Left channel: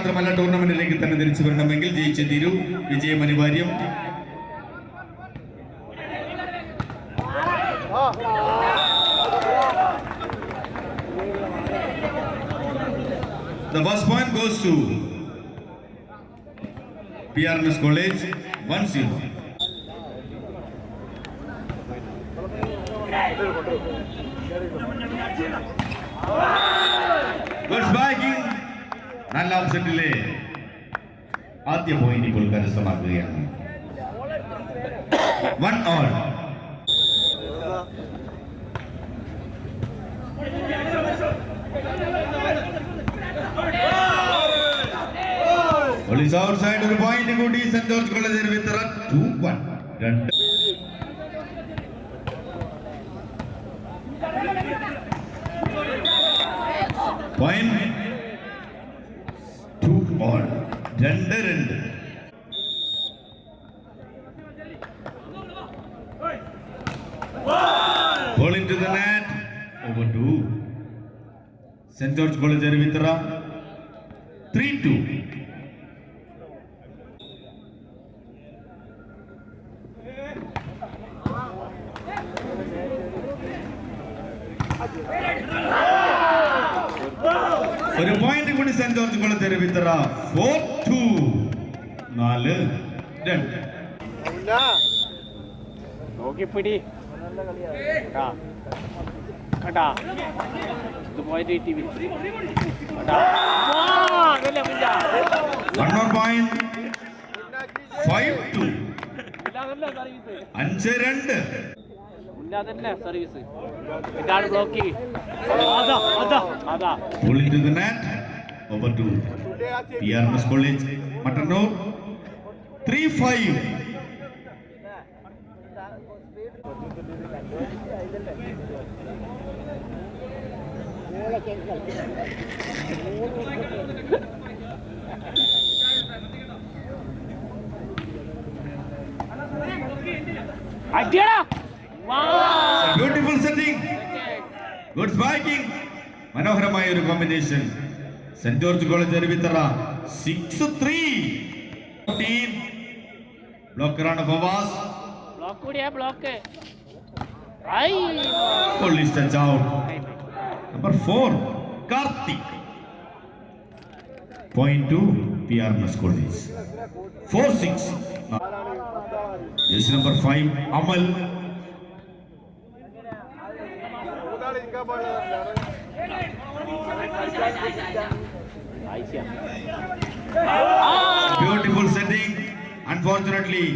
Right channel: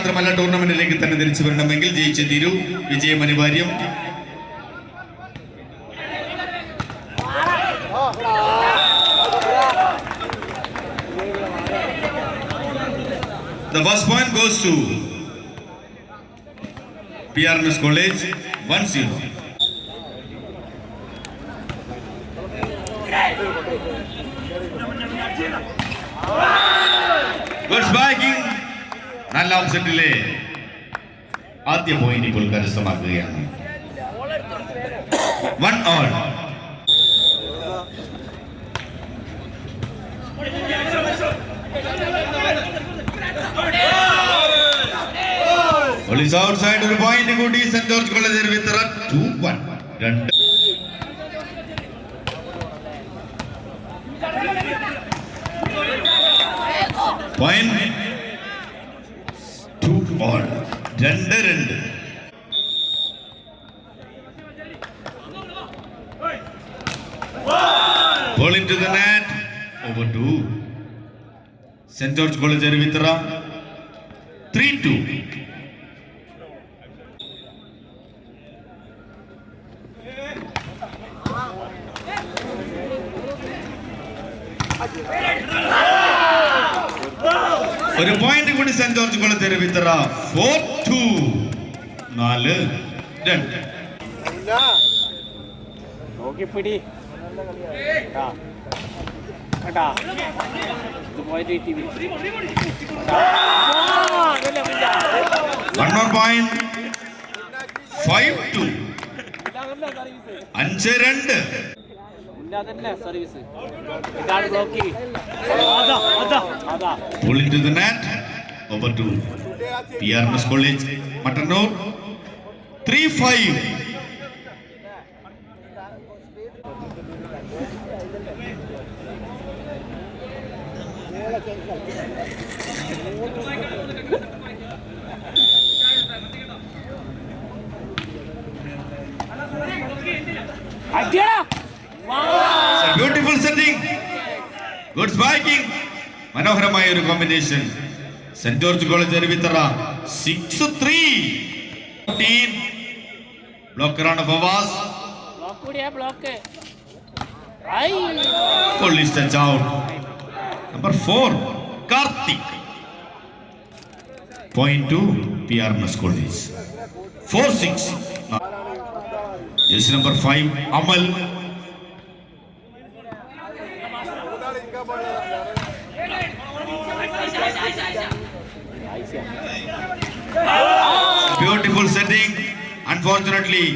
മാത്രമല്ല ടൂർണമെന്റിലേക്ക് തന്നെ തിരിച്ചു വരണമെങ്കിൽ ജയിച്ചു തീരൂ. വിജയം അനിവാര്യം. The first point goes to PRNS College 1-0. Good spiking. നല്ല ഓപ്ഷനിലെ ആദ്യ പോയിന്റ് ഇപ്പോൾ കരസ്ഥമാക്കുകയാണ്. 1-all. Police outside ഒരു പോയിന്റ് കൂടി സെന്റ് ജോർജ് കോളേജ് വിത്തറ 2-1. Point 2-all. 2-2. Ball into the net. Over 2. St. George College Arvitra 3-2. ഒരു പോയിന്റ് കൂടി സെന്റ് ജോർജ് കോളേജ് വിത്തറ 4-2. 4-2. നോക്കിപ്പിടി കേട്ടാ ഇത് പോയിട്ട് TV one more point. 5-2. 5-2. Service ഇതാണ് blocking. Pull into the net. Over to PRNS College Mattanur 3-5. Beautiful setting. Good spiking. മനോഹരമായ ഒരു combination. Saint George college Aruvithura 6-3. ബ്ലോക്കറാണ് Fawaz. Police touch out. Number 4 Karthik. Point to PRNS College 4-6. Jersey number 5 Amal. Beautiful setting. Unfortunately,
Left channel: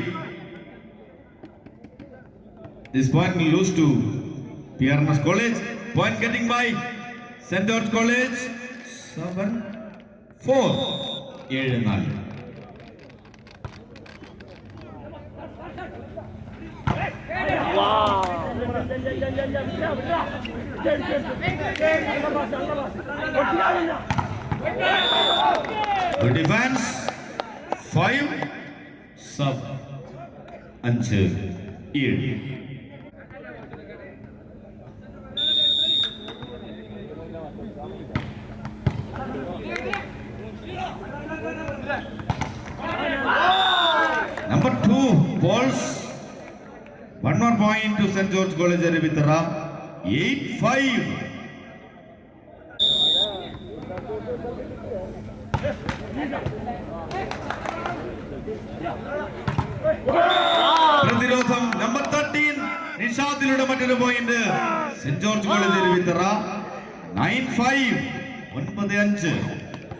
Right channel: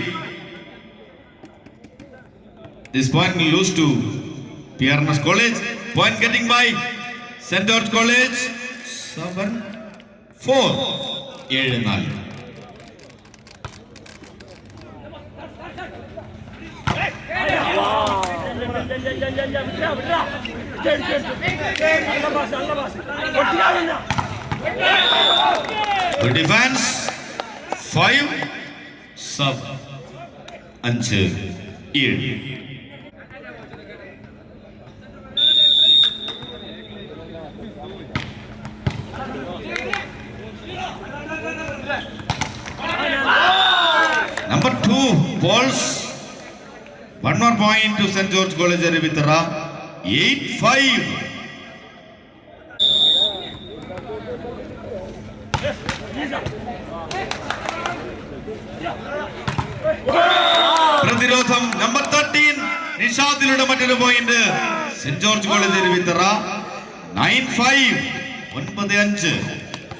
this point will lose to PRNS College. Point getting by St. George College 7-4. 7-4. Good defense. 5-7. Number 2 Pauls. One more point to St. George College Arvitra 8-5. പ്രതിരോധം number 13 നിഷാദിലൂടെ മറ്റൊരു point. Saint George college Aruvithura 9-5. 9-5.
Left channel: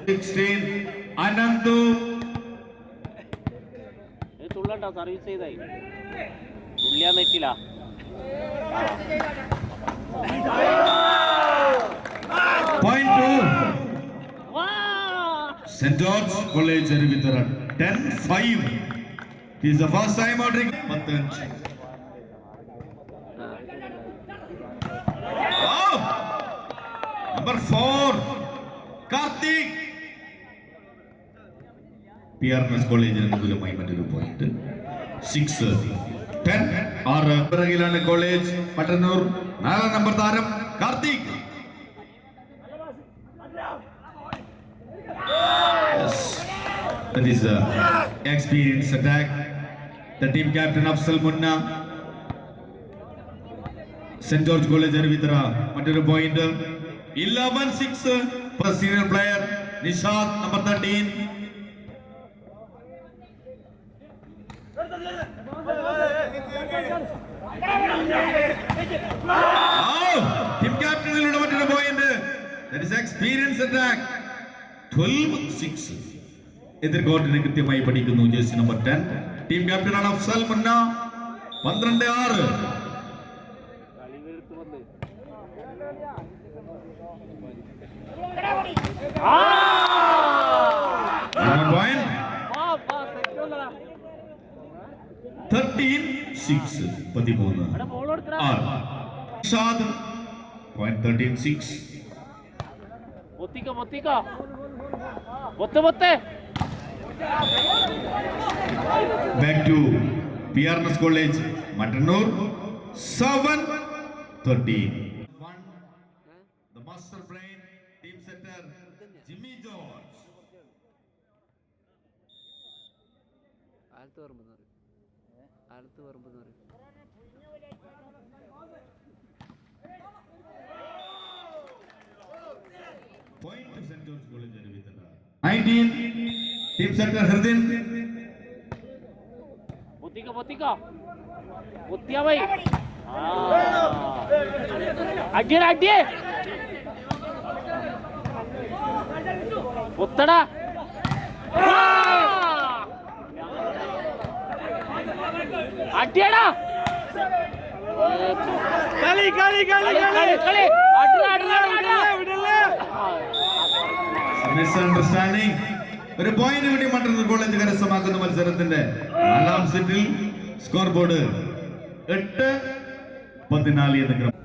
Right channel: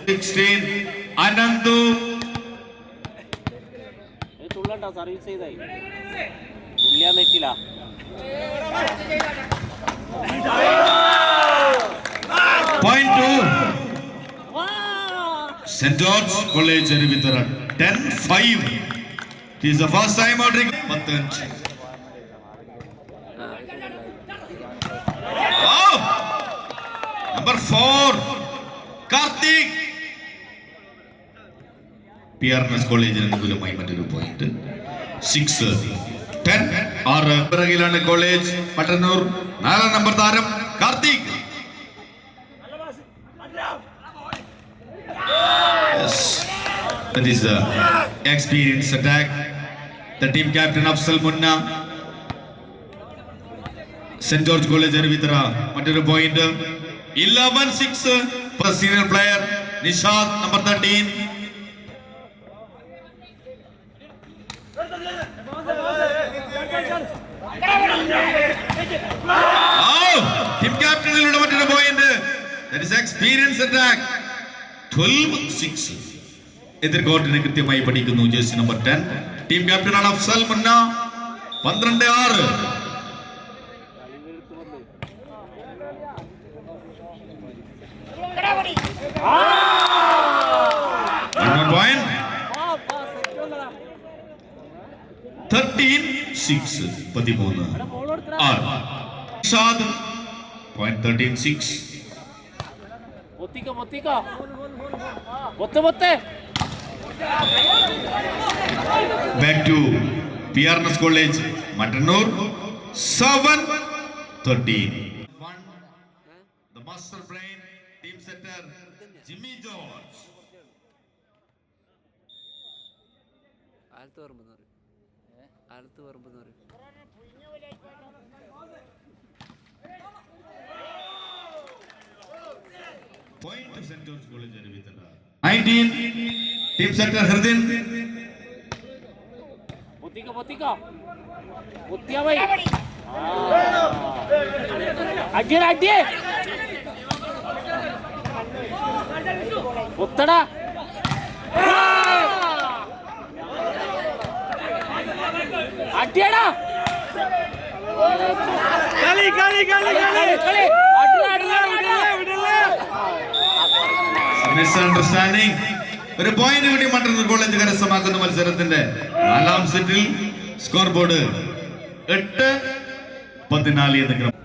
16 Ananthu. Service ചെയ്തായി തുള്ളിയാൻ പറ്റില്ല. Point 2 St. George College Arvitra 10-5. It is the first time out. 10. Oh! Number 4 Karthik. PRNS College അനുകൂലമായി മറ്റൊരു point. 6-10. 6 പിറകിലാണ് college Mattannur. 4 number താരം Karthik. Yes. That is the experience attack. The team captain Afzal Munna, St. George College Arvitra, മറ്റൊരു point 11-6 for senior player Nishad number 13. Team captain illude മറ്റൊരു point. That is experience attack. 12-6. എതിർ കോർട്ടിനെ കൃത്യമായി പഠിക്കുന്നു jersey number 10. Team ക്യാപ്റ്റനാണ് Afsal മുന്ന. 12-6. point. 13-6. 13. Nishad. Point 13-6. Back to PRNS College, Matanur. 7-13. The master brain, team setter, Jimmy George. Point to St. George College Arvitra. 19, team setter Hardin. Misunderstanding. ഒരു point കൂടി Mattannur college കരസ്ഥമാക്കുന്ന മത്സരത്തിന്റെ 4ാം സെറ്റിൽ score board 8-14 എന്ന് ക്രമം.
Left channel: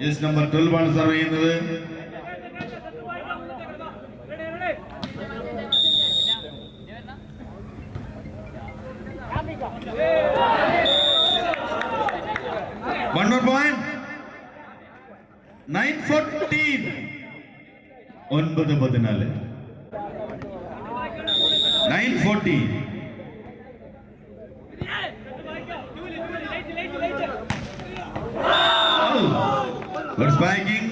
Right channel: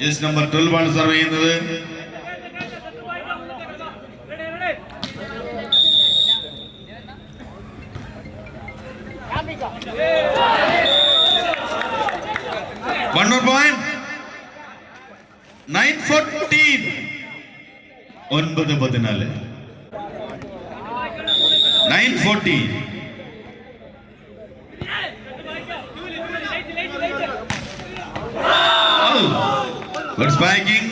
Just number 12 ആണ് serve ചെയ്യുന്നത്. One more point. 9-14. 9-14. 9-14. Good spiking.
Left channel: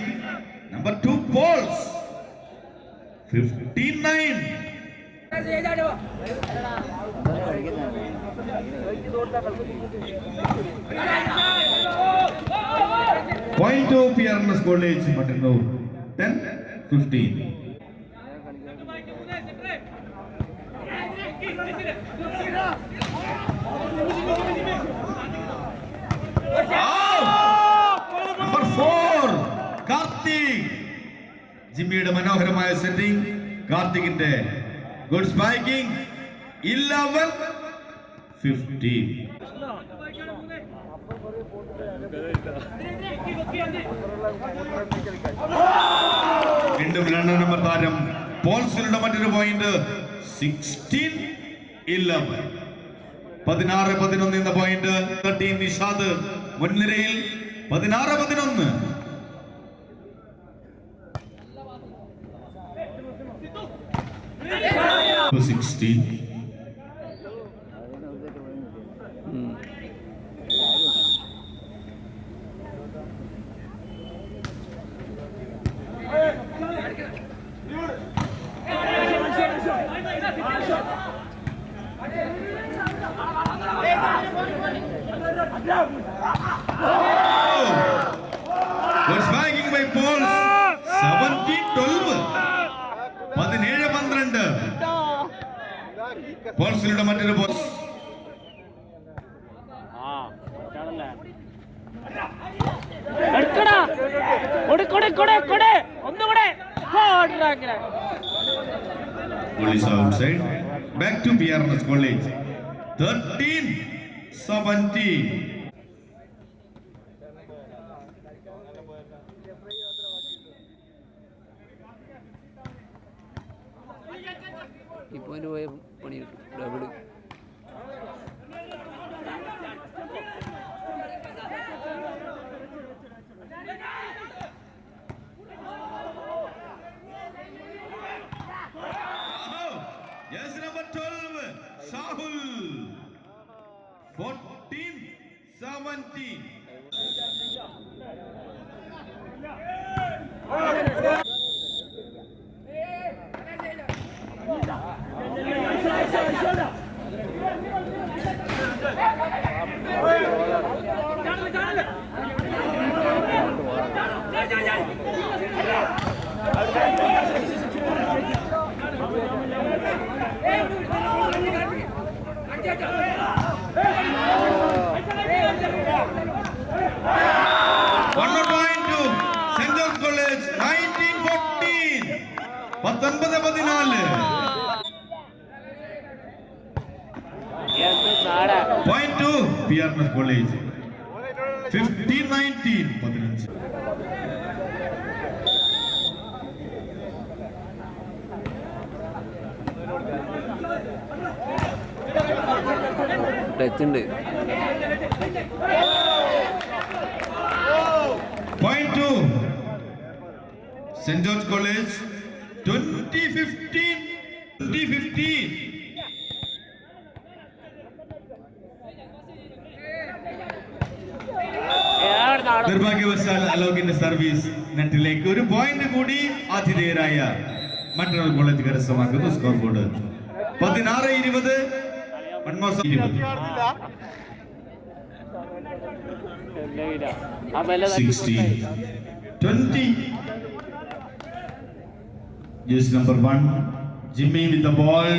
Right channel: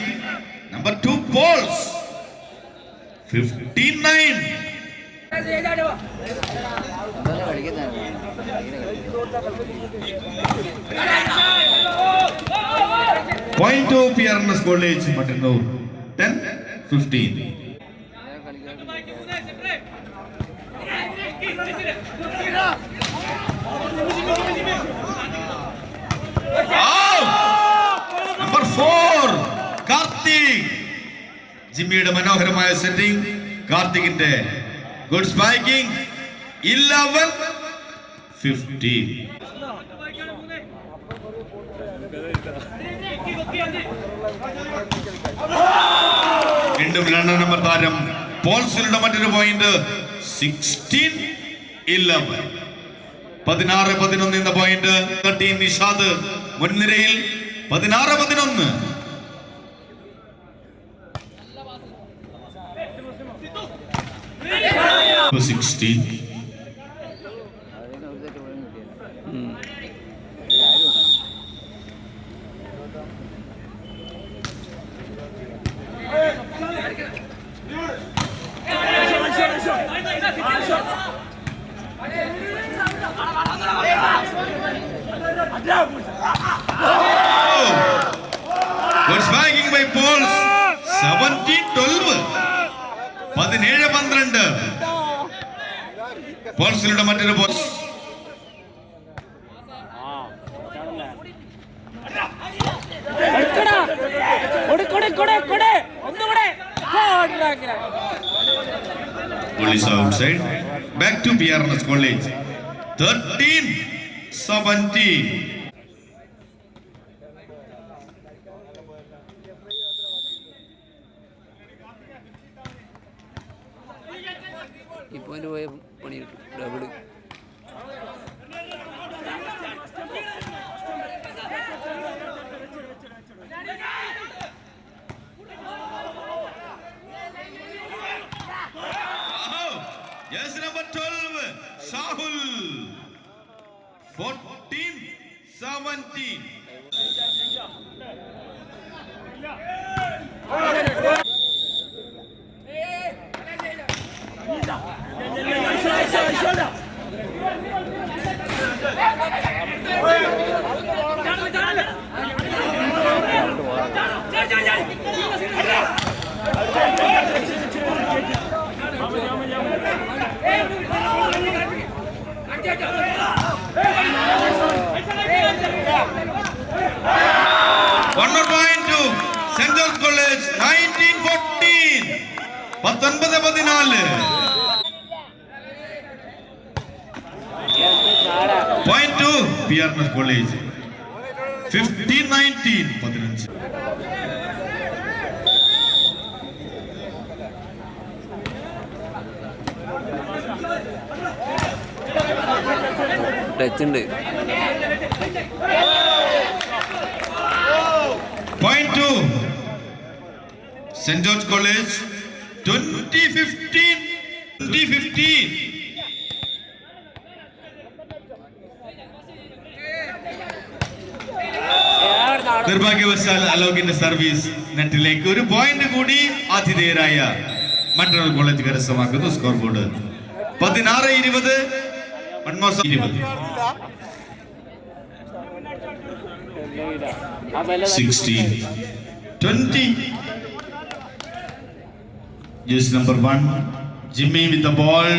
Number 2 balls. 15-9. Point to PRNS College, Matanur. 10-15. Number 4, Karthik. ജിമ്മിയുടെ മനോഹരമായ setting. കാർത്തികിന്റെ good spiking. 11-15. വീണ്ടും 2 number താരം പോൾസിലുള്ള മറ്റൊരു പോയിന്റ്. 16-11. 16-11 എന്ന പോയിന്റ്. 13 നിഷാദ് മുൻനിരയിൽ. 16-11. Good spiking by Pauls. 17-12. 17-12. പോൾസിലൂടെ മറ്റൊരു ball. Police outside. Back to PRNS College. 13-17. ഈ point പോയ പണി double. 14-17. One more point to St. George College, 1914. 19-14. Point to PRNS College, 15-19. 15. Touch ഉണ്ട്. Point to St. George College, 2015. 2015. നിർഭാഗ്യവശാൽ അലോകിന്റെ service നെറ്റിലേക്ക് ഒരു point കൂടി ആതിഥേയരായ മറ്റൊരു കോളേജ് കരസ്ഥമാക്കുന്നു. Score board 16-20. 16-20. Just number 1, Jimmy with the ball.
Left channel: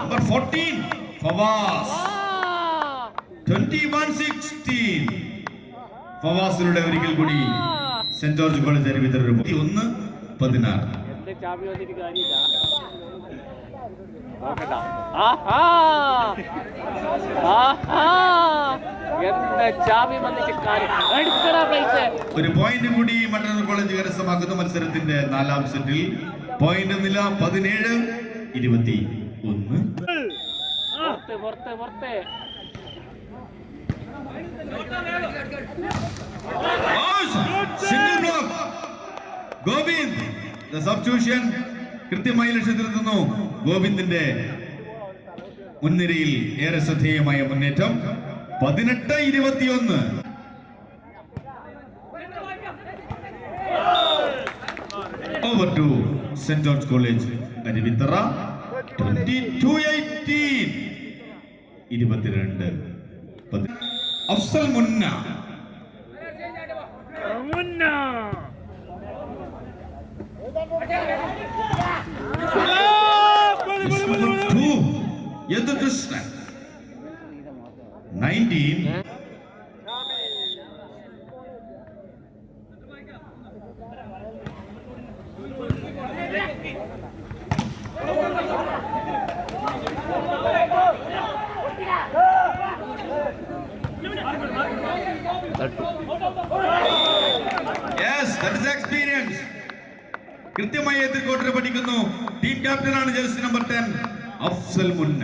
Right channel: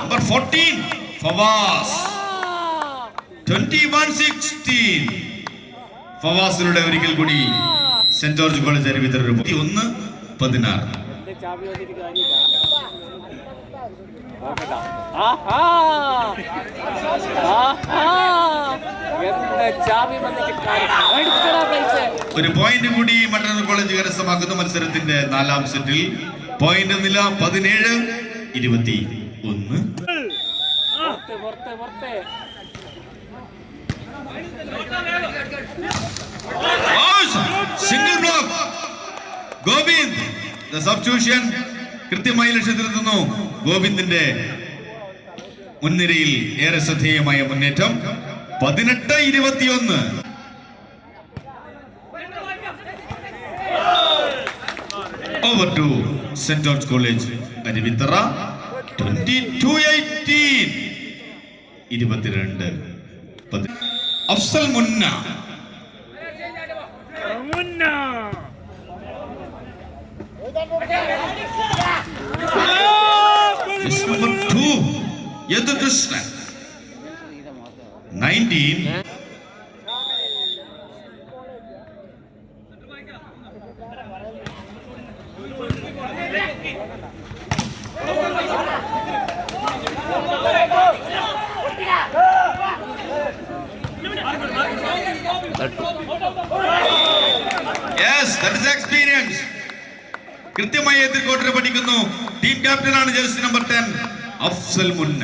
Number 14, Fawaz. 21-16. ഫവാസിലൂടെ ഒരിക്കൽ കൂടി saint George college അരുവിത്തർ 21-16. ഒരു പോയിന്റ് കൂടി മട്ടന്നൂർ കോളേജ് കരസ്ഥമാക്കുന്ന മത്സരത്തിന്റെ 4ാം സെറ്റിൽ പോയിന്റ് നില 17-21. Single block. Govind the substitution കൃത്യമായി ലക്ഷ്യത്തിലെത്തുന്നു. ഗോവിന്ദിന്റെ മുൻനിരയിൽ ഏറെ ശ്രദ്ധേയമായ മുന്നേറ്റം. 18-21. Over to saint George college Aruvithura, 22-18. 22. Afsal Munna. Yadukrishnan 19. Yes, that is experience. കൃത്യമായി എതിർക്കോട്ടരെ പഠിക്കുന്നു. ടീം ക്യാപ്റ്റൻ ആണ് ജേഴ്സി നമ്പർ 10 അഫ്സൽ മുന്ന.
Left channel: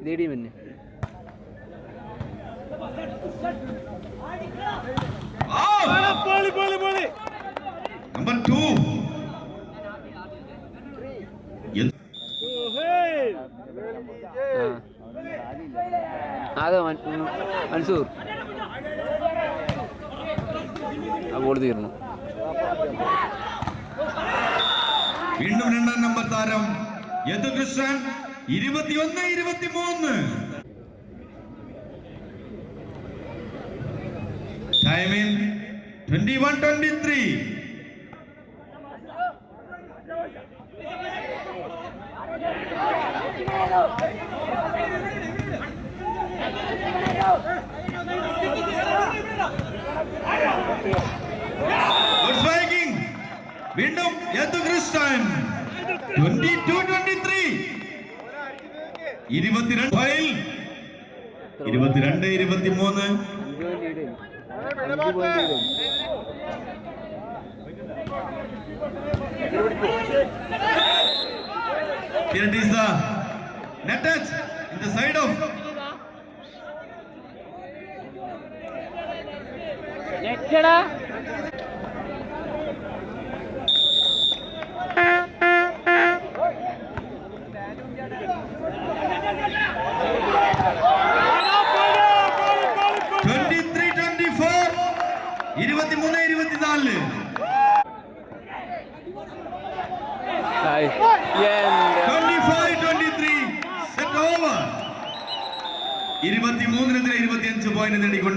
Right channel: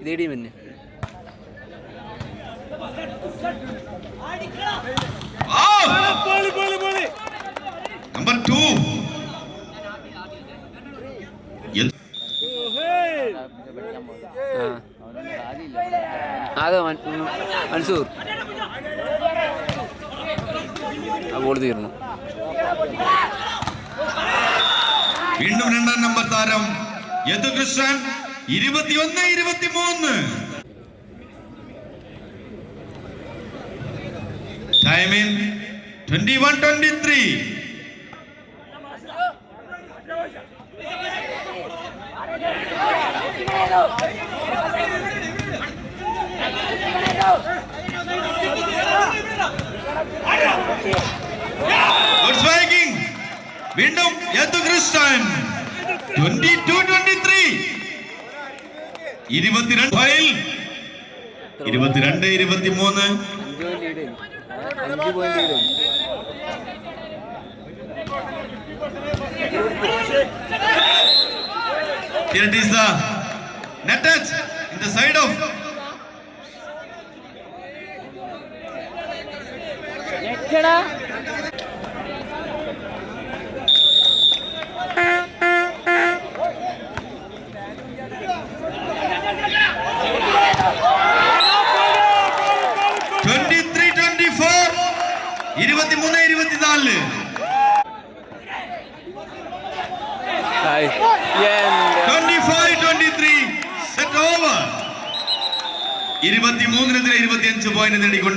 ഇതേടി മുന്നേ നമ്പർ 2 അത് മൻസൂർ ആ ബോൾ തീർന്നു. വീണ്ടും 2ാം നമ്പർ താരം യദുകൃഷ്ണൻ 21-23. ടൈമിംഗ് 21-23. വീണ്ടും Yadukrishnan 22-23. 22-23. 5 point. Here it is the net touch in the side of അടിച്ചടാ. ഹായ് എൻ്റെ 25-23 സെറ്റ് ഓവർ 23-25 പോയിന്റ് നേടിക്കൊണ്ട്